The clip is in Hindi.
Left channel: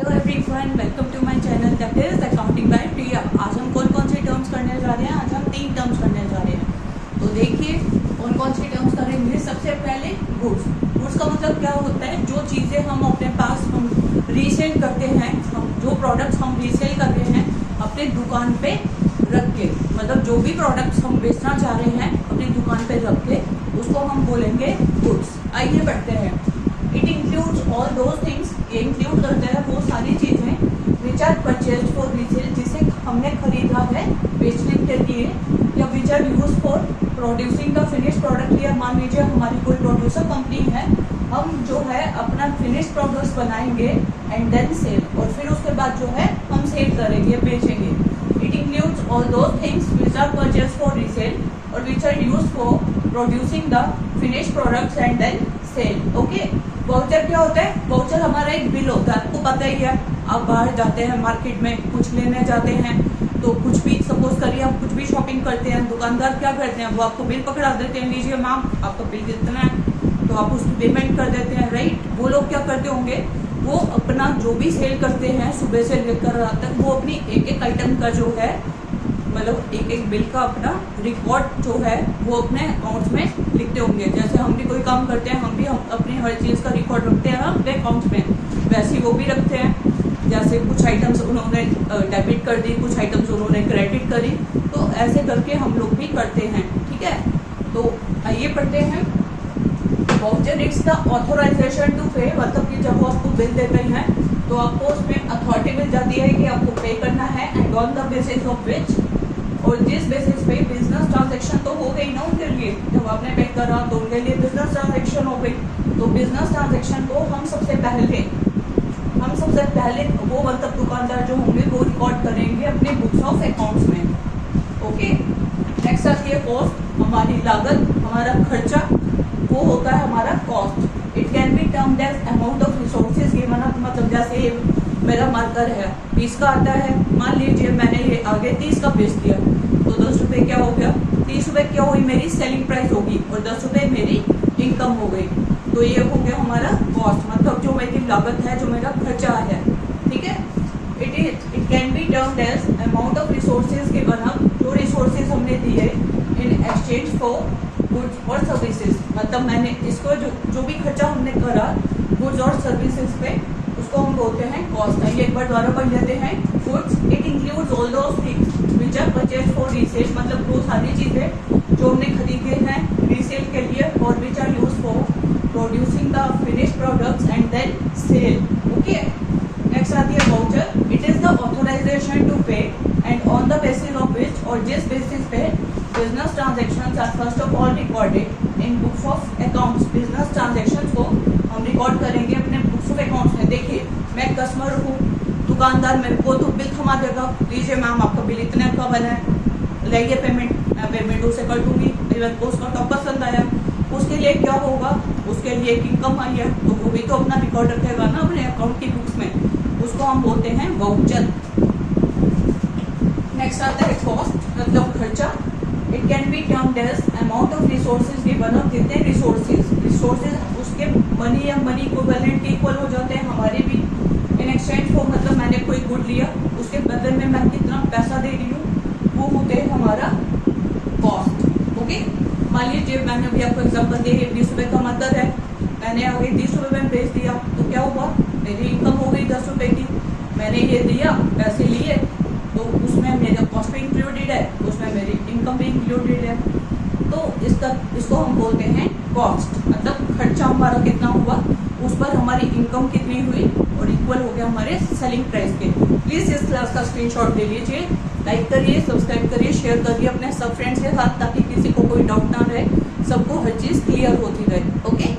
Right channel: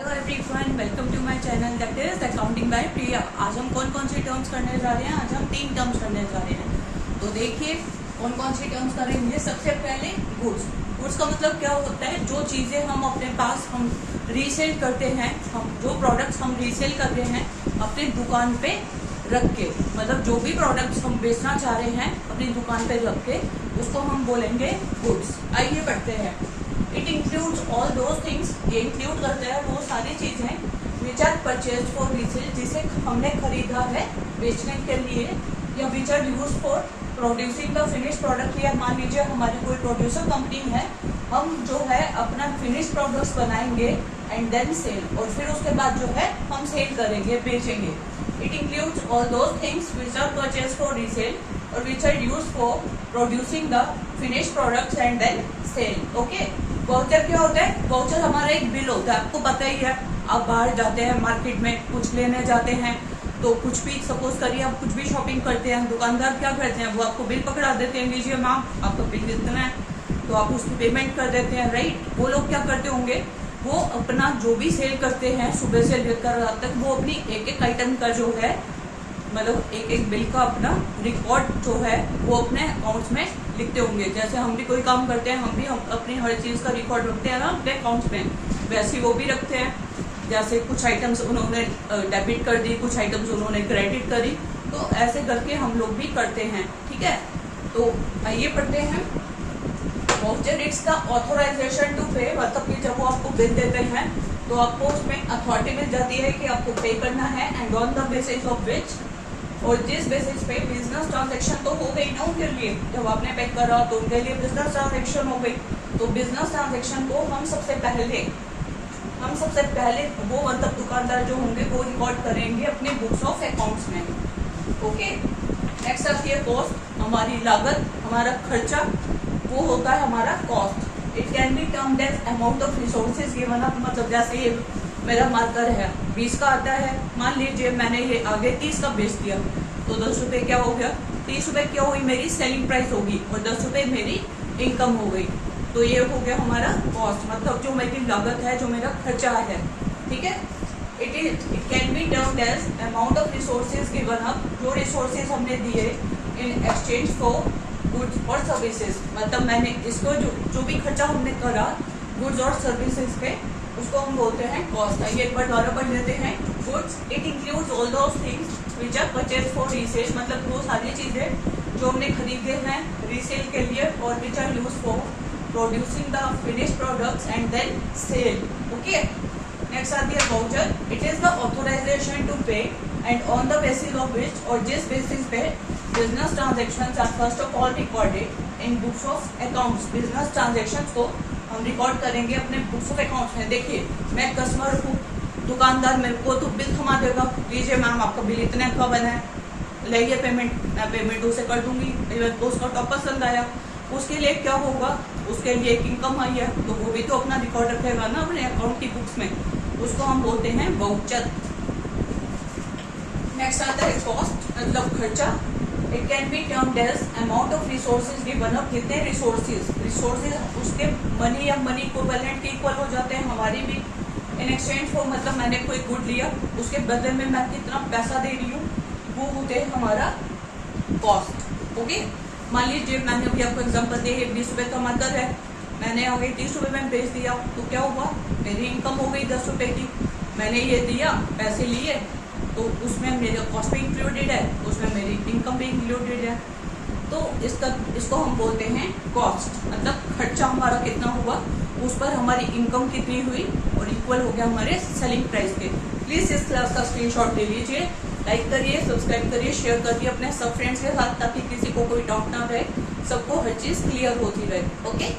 Hello everyone, welcome to my channel that is accounting by Priya. आज हम कौन कौन सी टर्म्स करने जा रहे हैं? आज हम 3 टर्म्स करने जा रहे हैं। तो देखिए कौन कौन सी टर्म्स करेंगे। सबसे पहले गुड्स। गुड्स का मतलब क्या होता है? जो चीजें हम अपने पास हम रीसेल करते हैं, हम जो प्रोडक्ट्स हम रीसेल करते हैं अपनी दुकान पे रख के, मतलब जो भी प्रोडक्ट्स हम बेचना चाह रहे हैं अपनी दुकान पे रख के, उसको हम बोलेंगे गुड्स। आइए बढ़ते हैं। It includes all those things, ये इंक्लूड करते हैं वो सारी चीजें which are purchase for resale, जिसे हमने खरीदा है बेचने के लिए, या which are use for producing the finish product. या मान लीजिए हमारी कोई प्रोड्यूसर कंपनी है, हम जो है अपना फिनिश प्रोडक्ट्स बनाएंगे एंड देन सेल, और फिर उसके बाद जो है हम सेल करेंगे, बेचेंगे। It includes all those things which are purchase for resale और which are use for producing the finish products and then sell. Okay. Voucher क्या होता है? वाउचर हमारा एक बिल होता है, आपको पता ही है। आप बाहर जाते हैं मार्केट में, कुछ लेने जाते हैं, तो कुछ भी सपोज करिए आप कुछ भी शॉपिंग करते हैं, दुकानदार क्या करते हैं, वो आपको बिल पकड़ा देते हैं, लीजिए मैम आपका बिल कितना है, तो आप उसकी पेमेंट कर देते हैं, राइट। वो लोग क्या करते होंगे, वो अपना जो भी सेल करते हैं सुबह से लेकर रात तक, वो अपनी एक एक आइटम का जो है, मतलब एक एक बिल का अपना रिकॉर्ड जो है वो अपने अकाउंट्स में लिखते होंगे। जैसे हम भी कोई काम करते हैं, हम अपनी हर चीज का रिकॉर्ड रखते हैं ना अपने अकाउंट्स में, वैसे ही वो भी रखते हैं। जैसे कुछ आइटम्स उन्होंने डेबिट कर दी, कुछ आइटम्स उन्होंने क्रेडिट करी, तो ऐसे करके हम लोग भी करते हैं, ठीक है। तो आइए पढ़ते हैं। Voucher it's the authorisation to pay, मतलब कि जब वो आपको बिल देते हैं तो आपको उसमें अथॉरिटी मिल जाती है कि आपको पे करना है, and on the basis of which, और जिस बेसिस पे बिजनेस ट्रांजैक्शन तो हो गई ना उनके लिए, जब आपने पे करा तो उनके लिए बिजनेस ट्रांजैक्शन हो गई। तो बिजनेस ट्रांजैक्शन को हम सबसे पहले वो मतलब दुकानदार जो होंगे वो रिकॉर्ड करेंगे अपने बुक्स ऑफ अकाउंट्स में। ओके। नेक्स्ट आती है कॉस्ट, हमारी लागत, हमारा खर्चा, वो होता है हमारा cost. It can be termed as amount of resources given up, मतलब जैसे ये मेरा मार्कर है 20 का आता है, मान लीजिए मैंने ये आगे 30 का बेच दिया, तो 10 रुपए क्या हो गया, 30 रुपए क्या हुई मेरी सेलिंग प्राइस होगी, और 10 रुपए मेरी इनकम हो गई। तो ये हो गया हमारा कॉस्ट, मतलब जो मेरी लागत है, जो मेरा खर्चा है, ठीक है। It can be termed as amount of resources given up, जो रिसोर्सेज हमने दिए इन एक्सचेंज फॉर गुड्स और सर्विसेज, मतलब मैंने इसको जो भी खर्चा हमने करा गुड्स और सर्विसेज पे, उसको हम बोलते हैं कॉस्ट। आइए एक बार दोबारा पढ़ लेते हैं। Goods it includes all those things which are purchase for resale, मतलब वो सारी चीजें जो हमने खरीदे हैं रीसेल के लिए, और which are use for producing the finish products and then sell. Okay. Next आती है voucher. It is the authorisation to pay and on the basis of which, और जिस बेसिस पे business transactions are first of all recorded in books of accounts. Business transactions को हम रिकॉर्ड करेंगे अपने बुक्स ऑफ अकाउंट्स में। देखिए मैं कस्टमर हूँ, दुकानदार मेरे को तो बिल थमा देगा, लीजिए मैम आपका बिल इतने का बना है, लाइए पेमेंट, मैं पेमेंट उसे कर दूंगी, मेरे को उसका टॉप पसंद आया, उसके लिए क्या होगा, उसके लिए एक इनकम आई है, तो वो भी तो अपना रिकॉर्ड रखेगा ना अपने अकाउंट की बुक्स में, उसको हम बोलते हैं वाउचर। नेक्स्ट आता है कॉस्ट, मतलब खर्चा। It can be termed as amount of resources given up, जितने रिसोर्सेज उसके मनी या मनी इक्विवेलेंट के इक्वल हो जाते हैं हमारे भी। इन एक्सचेंज फॉर, मतलब मैंने कोई गुड लिया, उसके बदले में मैं कितना पैसा दे रही हूँ, वो होते हैं हमारा कॉस्ट। ओके। मान लीजिए मैंने अभी आपको एग्जाम्पल दिए, 20 रुपए का मार्कर है, मैंने आगे 30 रुपए में बेच दिया, तो क्या हुआ, मेरी इनकम हो गई 10 रुपए की। मैंने ये दिया, पैसे लिए, तो उसमें मेरा कॉस्ट भी इंक्लूडेड है, उसमें मेरी इनकम भी इंक्लूडेड है, तो इसको हम बोलते हैं कॉस्ट। मतलब खर्चा हमारा कितना हुआ, उस पर हमारी इनकम कितनी हुई, और इक्वल हो गया हमारे सेलिंग प्राइस के। प्लीज इस क्लास का स्क्रीनशॉट ले लीजिए, लाइक करिए, सब्सक्राइब करिए, शेयर करिए अपने सब फ्रेंड्स के साथ, ताकि किसी को कोई डाउट ना रहे, सबको हर चीज क्लियर होती रहे। ओके।